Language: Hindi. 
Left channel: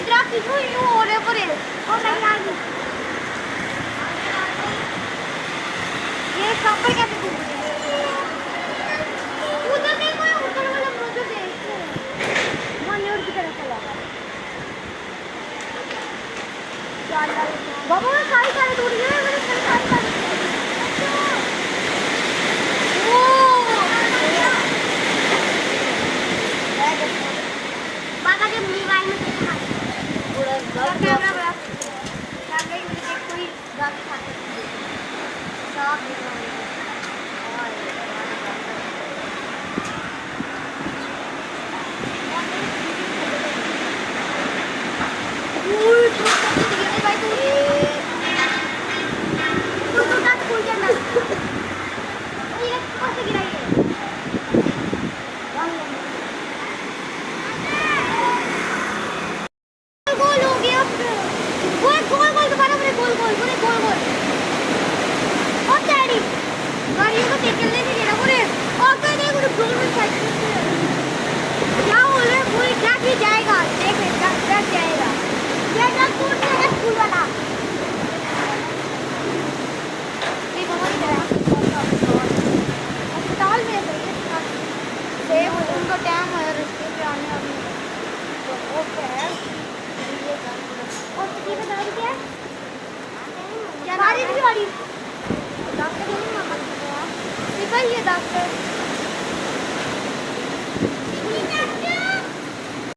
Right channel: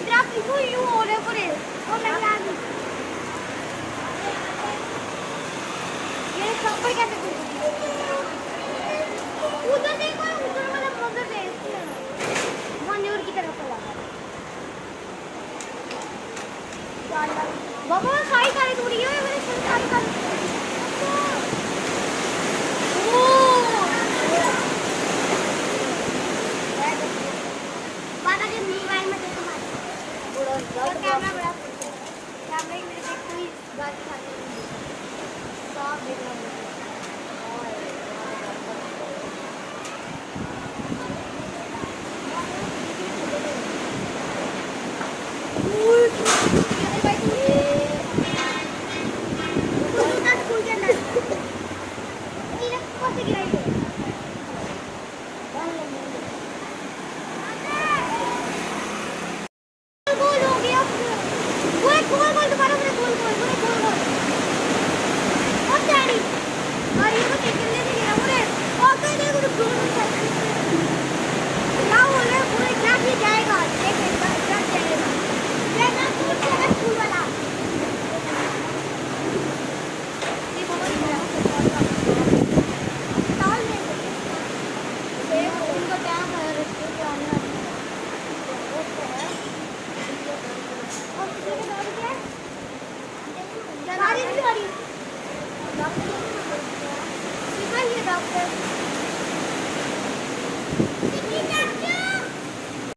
इधर आप किसको यूं हो रहे पड़े और नहीं आ गई ये कपड़े कैसे टूट गए उधर देखो ऊपर वाला मौजूद है मन्योर की तरफ चला बाबा सारी सारी टूट गई है मेरे सर सारी सारी मोबाइल में देखो ना पूरा कैमरा बड़ा कैमरा ही मेरे देख कोई गाड़ी खाते हैं सब देख रहा हूँ गोल गोल गोल गोल गोल और डैडी गाड़ी को टेकन ले